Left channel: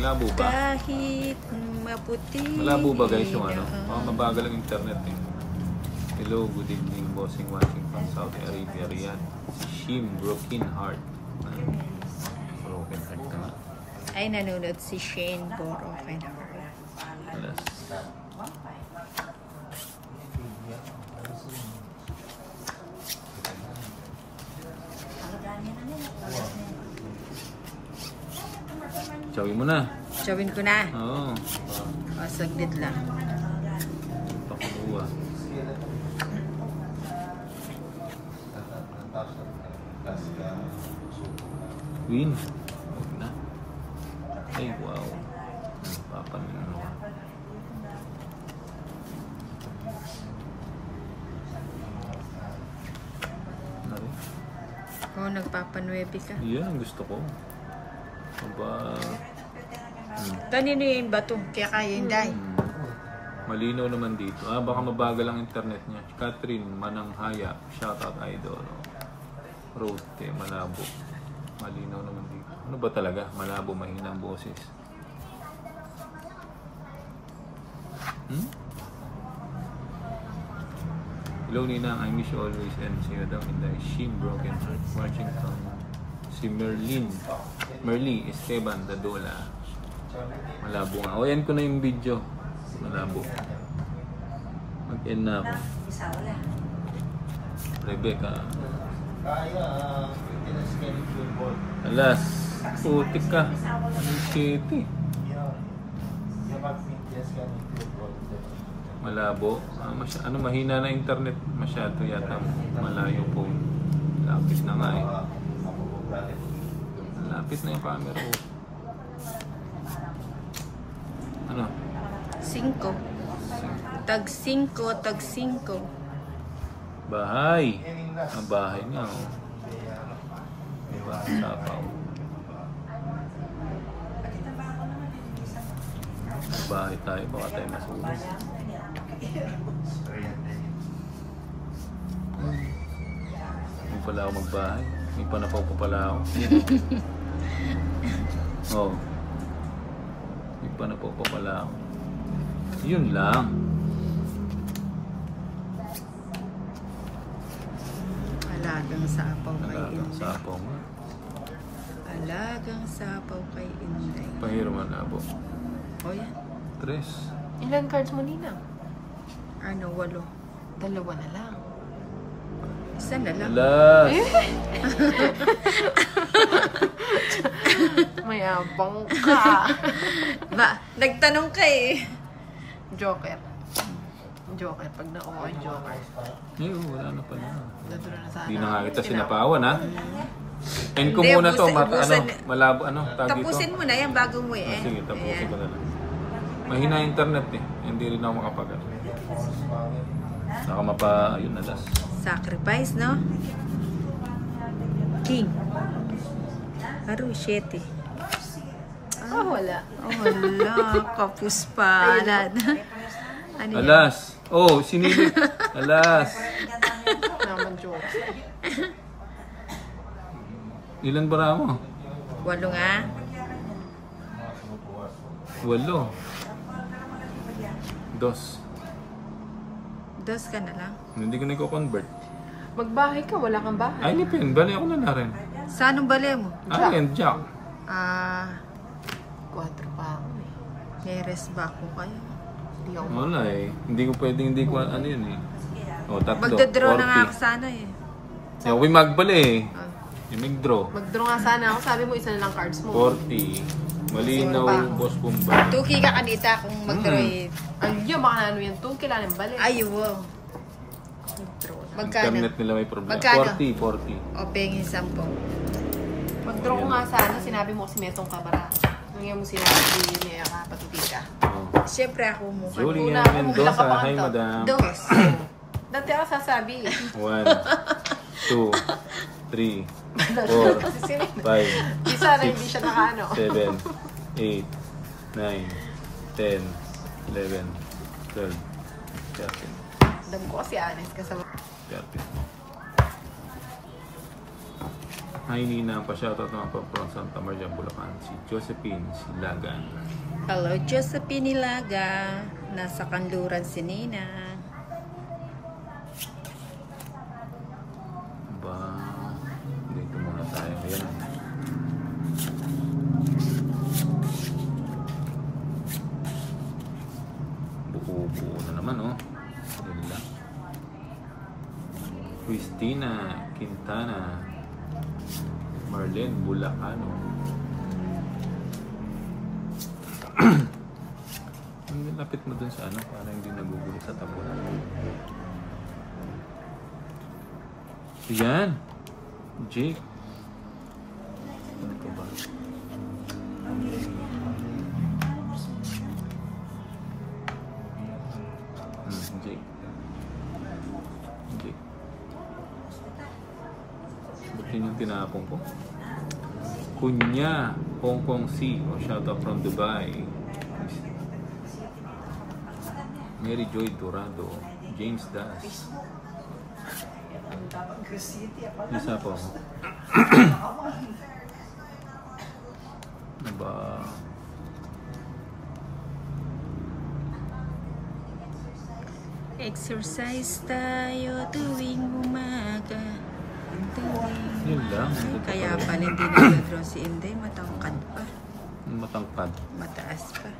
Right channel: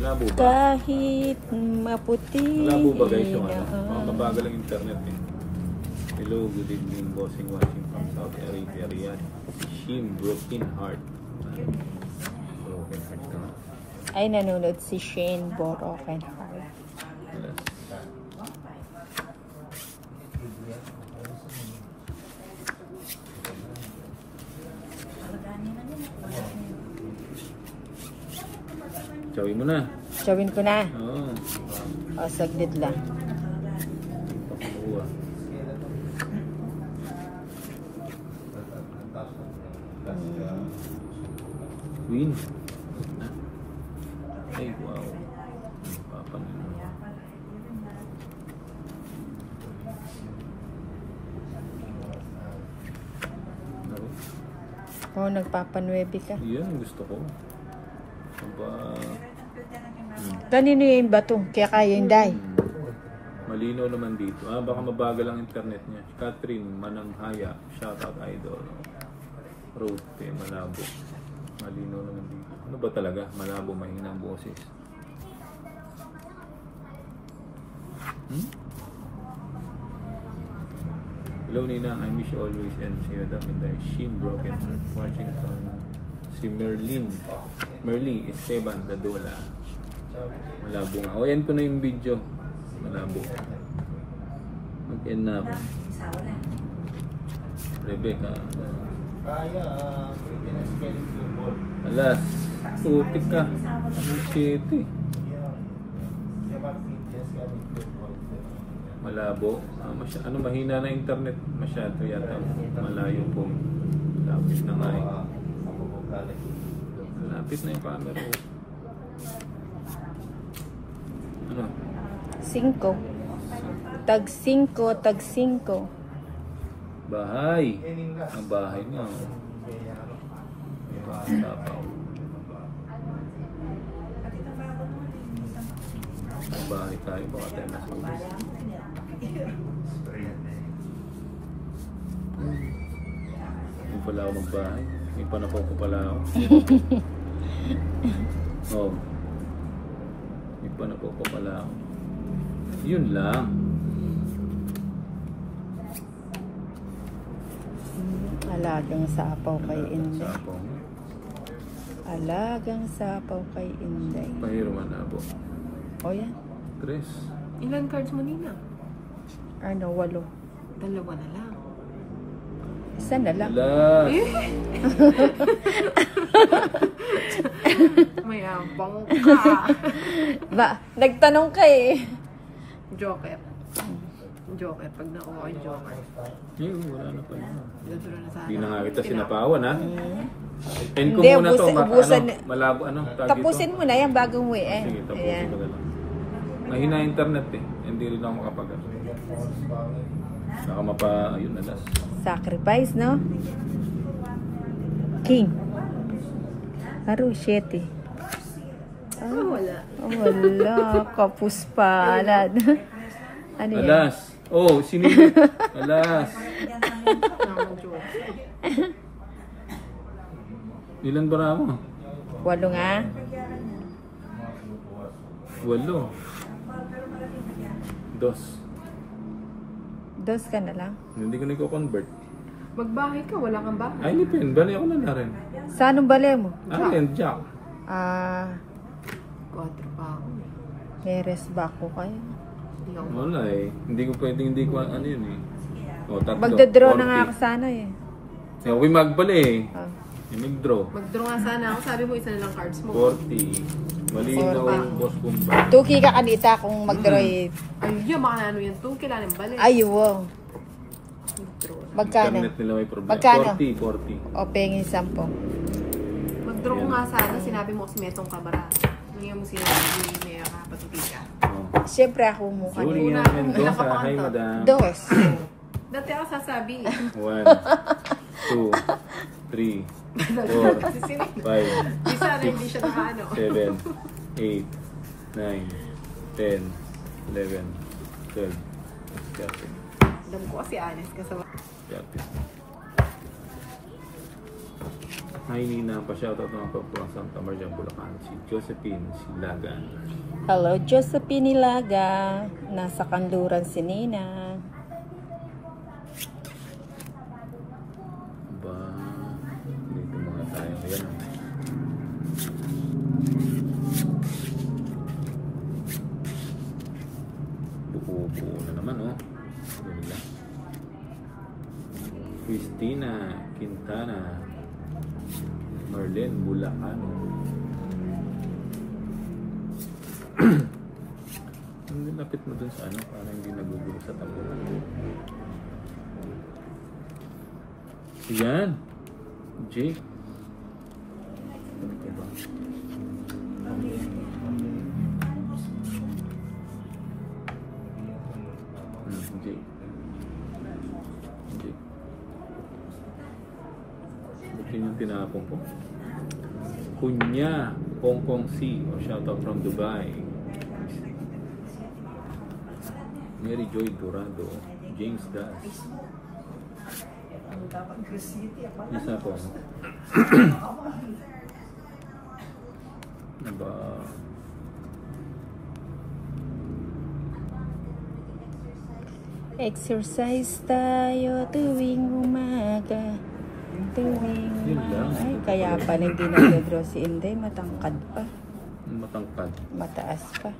Malabo ba? Kahit maputi. Malabo ba guys yung ano? Mabagal ang internet eh. Hello, good evening, bossing watching from Saudi Arabia, Riyadh. Shim, broken heart. Broken heart naman. Ay, nanonood si Shane, broken heart. Yes. Chawin mo na. Chawin ko na. Oo. O, saglit lang. Pakuha. Win. Ay, wow. Papan. Oh, nagpapanuebi ka. Yan, gusto ko. Aba. Kanino yung bato? Kaya kaya yung day. Malinaw naman dito. Baka mabagal ang internet niya. Catherine Mananghaya. Shoutout idol. Rote, malabo. Malinaw naman dito. Ano ba talaga? Malabo, mahina ang boses. Hello Nina, I miss you always and see you down in the Shin Broken Heart. Watching from si Merly Esteban Dadola. Malabo nga. O yan ko na yung video. Malabo. Mag-end na ako. Rebecca. Alas, putik ka. City. Malabo. Ano, mahina na internet. Masyado yata. Malayo po. Lapit na nga eh. Lapit na yung camera. Ano? 5. Tag 5, tag 5. Bahay. Ang bahay nga. Sapaw. Bahay tayo. Baka tayo masulit. Hindi pala ako magbahay. Hindi pa napaw ko pala ako. Oh. Hindi pa napaw ko pala ako. Yun lang. Alagang sapaw kay Inday. Sapaw mo. Alagang sapaw kay Inday. Pahiro man na po. O yan. 3. Ilan cards mo, Nina? Ano, 8. 2 na lang. Isa na lang. Alas! May abang ka. Ba, nagtanong ka eh. Joker. Joker. Pag nakuha yung Joker. Eh, wala na pala. Natulo na sana. Hindi na nga kita sinapawan ha. End ko Hindi, muna to. ubusan- Malabo. Ano? Tapusin mo na yan bago mo eh. Sige, tapusin Ayan. ko na lang. Mahina yung internet eh. Hindi rin ako makapag. Saka yun na das. Sacrifice, no? King. Haro, 7. Wala. Oh, wala. Kapus pa. Alad. Ano yan? Alas! Oh, sinilip! Alas! Naman Joker. Ilan ba mo? 8 nga. 8. 2. 2 ka na lang. Hindi ko na i-convert. Magbahay ka, wala kang bahay. Ay, lipin. Bali ako na rin. Sa anong bale mo? Yan, Jack. 4 pa ako eh. Heres ba ako kayo? Hindi ako. Wala eh. Hindi ko pwedeng, hindi ko ano yun eh. O, 3. Magdodraw na nga ako sana eh. Yung wimag pala eh. Yung nag-draw. Mag-draw nga sana ako. Sabi mo, isa na lang cards mo. 40. Malinaw yung boss bomba. 2K ka kanita kung mag-draw eh. Ay, yun, baka ano yan. 2 kailangan yung balik. Ay, wow. Magkano? Internet nila may problema. Magkano? 40. O, pengin 10. Mag-draw ko nga sana. Sinabi mo kasi metong kabara. Ngayon mo sinabi hindi niya kapatuti ka. Oh. Siyempre ako mo. Julia Mendoza. Hi, madam. 2. Dati ako sasabi. 1, 2, 3, 4, 5, Isa na hindi siya nakaano. 7, 8, 9, 10, 11, 12. Kapit. Dam ko kasi honest kasama. Kapit. Hi Nina, pa-shoutout naman po from Santa Maria, Bulacan. Si Josephine Silagan. Hello, Josephine Nilaga. Nasa Kanluran si Nina. Ba, dito muna tayo. Ayan. Buo-buo na naman, oh. Ayan lang. Christina Quintana. Marlene Bulacano. Lapit mo dun sa ano, parang hindi nagugulo sa tabo. Yan. Jake. Ano pa ba? Jake. Jake. Ba't yun yung tinapong ko? Kunya, Hong Kong Sea. O shoutout from Dubai. Mary Joy Dorado. James Das. Isa po. Ba? Exercise tayo tuwing umaga. Yun lang. Ay, kaya pala hindi nag-draw si Inday. Matangkad pa. Matangkad. Mataas pa.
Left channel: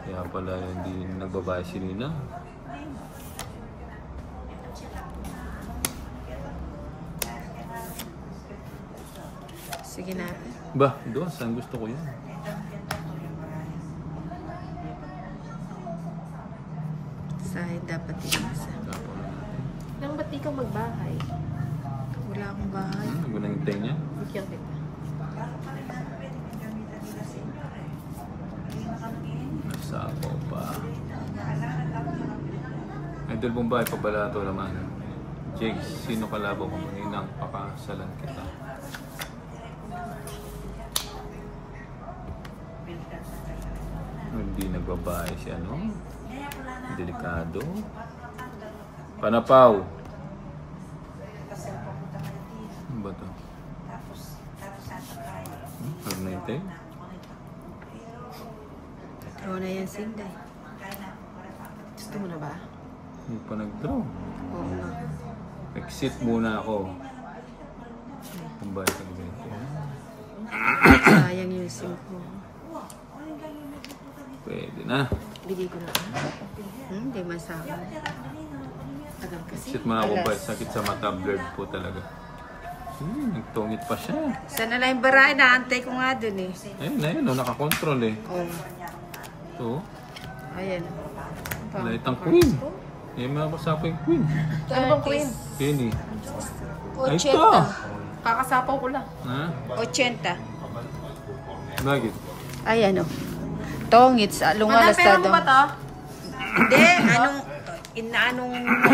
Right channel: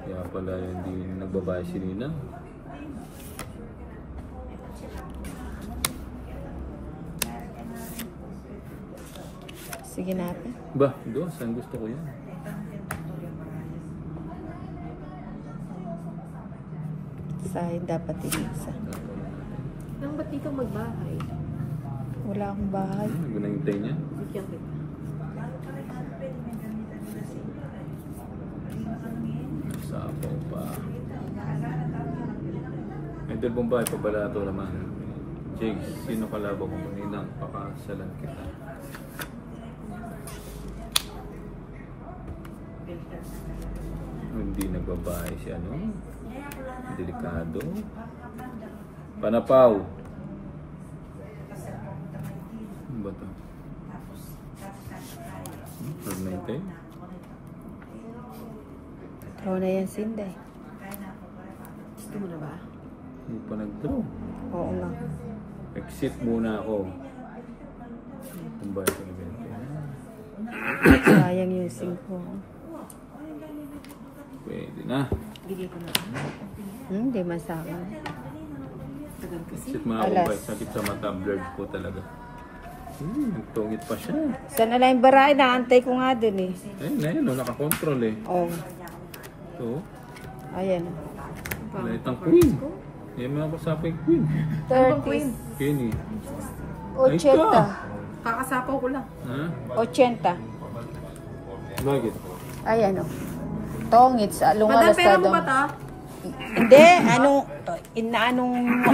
Kaya pala hindi nagbabae si Nina. Sige natin. Ba, doon. Saan gusto ko yan? Sa'yo dapat inisa. Nang ba't di ka magbahay? Wala akong bahay. Gunahintay niya. Kiyat kita. Sabaw pa. Idol Bombay, pabalato naman. Jake, sino kalabo mo? Ninang, pakasalan kita. Hindi nagbabae si ano? Delikado. Panapaw. Ano ba ito? Permanente? Oo na yan, Sinday. Gusto mo na ba? Hindi pa nag-draw. Oo nga. Exit muna ako. Ang balik ang ganito. Sayang yung SIM ko. Pwede na. Bigay ko na. Hindi man sa akin. Tagal kasi. Exit mga kumbay. Sakit sa mata. Blurred po talaga. Nagtungit pa siya. Sana lang yung baray. Naantay ko nga dun eh. Ayun na yun. Nakakontrol eh. Oo. So, Ayan. light ang queen. Eh, makapasapa yung queen. Ano bang queen? Kenny. 80. Kakasapaw ko lang. Ha? 80. Bakit? Ay, ano. Tongits. Madam, Lungalas pera mo daw. ba to? Hindi. Inaanong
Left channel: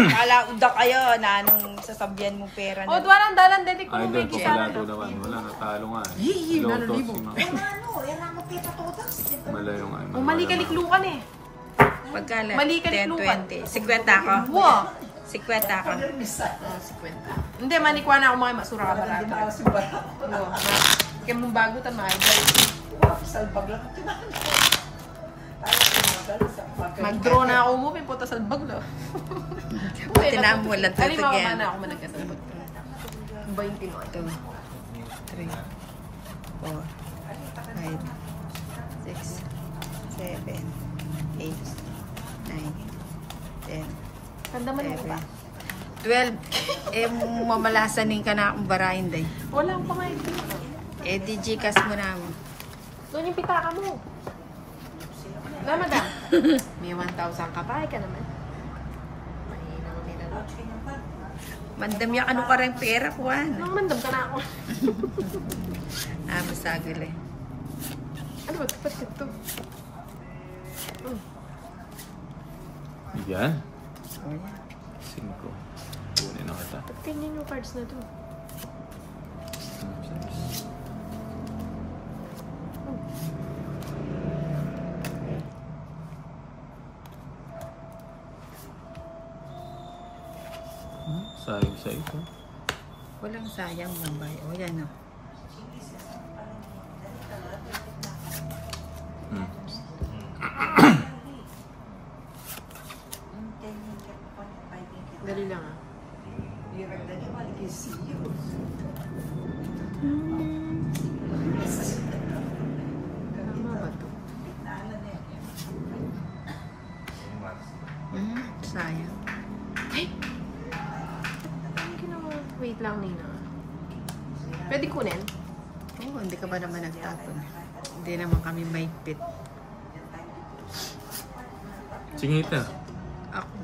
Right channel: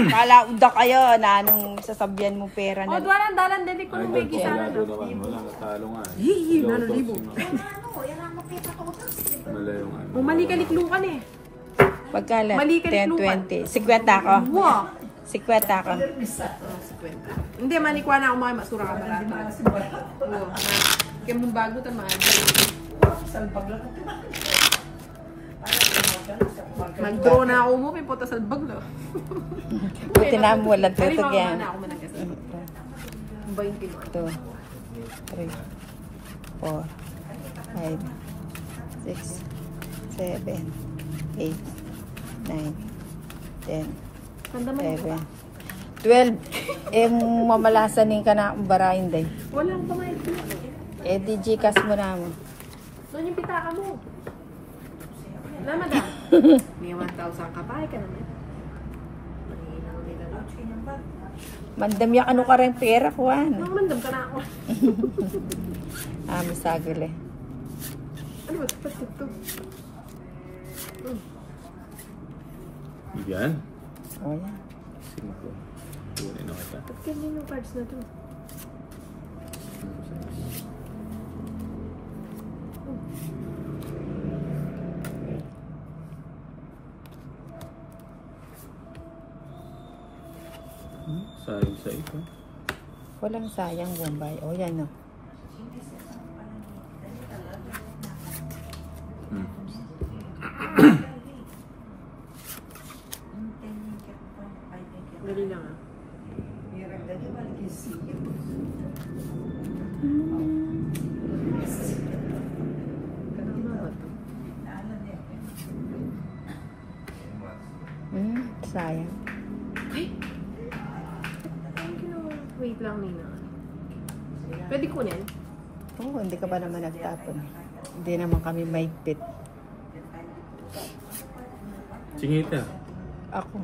kalaunda kayo. Naanong sasabihan mo pera O, na. duwalang dalan din ko Idol may po gisara. pala naman. Wala natalo nga. Hihi, Loto nanalibo. si Mala yung ano. O, mali kaliklukan eh. Pagkala. Mali ka ni 10-20. 50 ako. Wow. 50 ako. Hindi, manikwa na ako mga masura ka ba? Oo. Kaya mong bagutan mga idol. Mag-draw na ako mo, pipunta sa bag na. Buti na mo walang tutog Halimbawa yan. na ako managkasal. 20 mo. 2, 3, 4, 5, 6, 7, 8, 9, 10, Tanda mo na. 11, 12. Eh, mamalasanin ka na akong barahin day. Wala akong pamayin. Eh, di Gcash mo na mo. Doon yung pitaka mo. Wala, madam. May 1,000 ka pa, ka naman. Mandam yung ano ka rin pera ko, Anong mandam ka na ako? masagol eh. Ano ba? Ito. Yan. Oh, yan. 5. Kunin na kita. Tingnan yung cards na to. Sayang sa ito. Walang sayang, Bombay. O, yan, no. Dali lang. Sayang. Wait lang, Nina. Pwede kunin? Oo, hindi ka ba naman nagtapon? Hindi naman kami maigpit. Singita. Ako.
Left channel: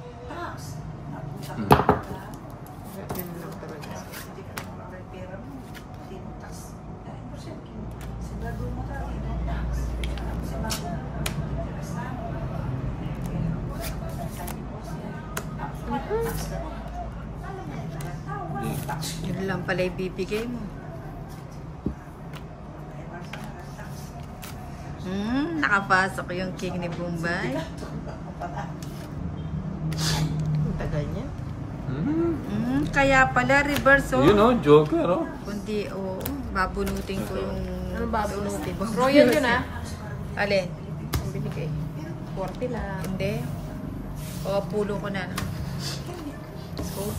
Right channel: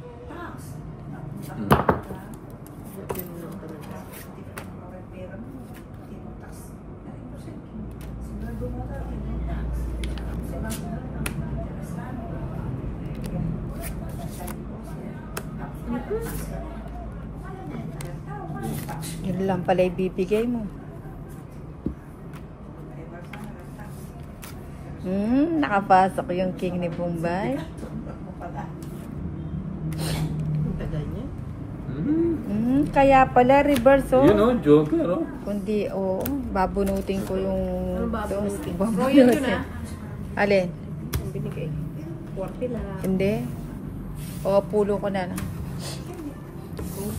Yun lang pala ibibigay mo. Nakapasok yung king ni Bombay. Ang tagal niya. Kaya pala reverse, oh. Yun, oh, joker, oh. Kundi, oo, babunutin ko yung... Ano ba? Royal yun, ah. Alin? Ang binigay. 40 lang. Hindi. O, pulo ko na lang. Kung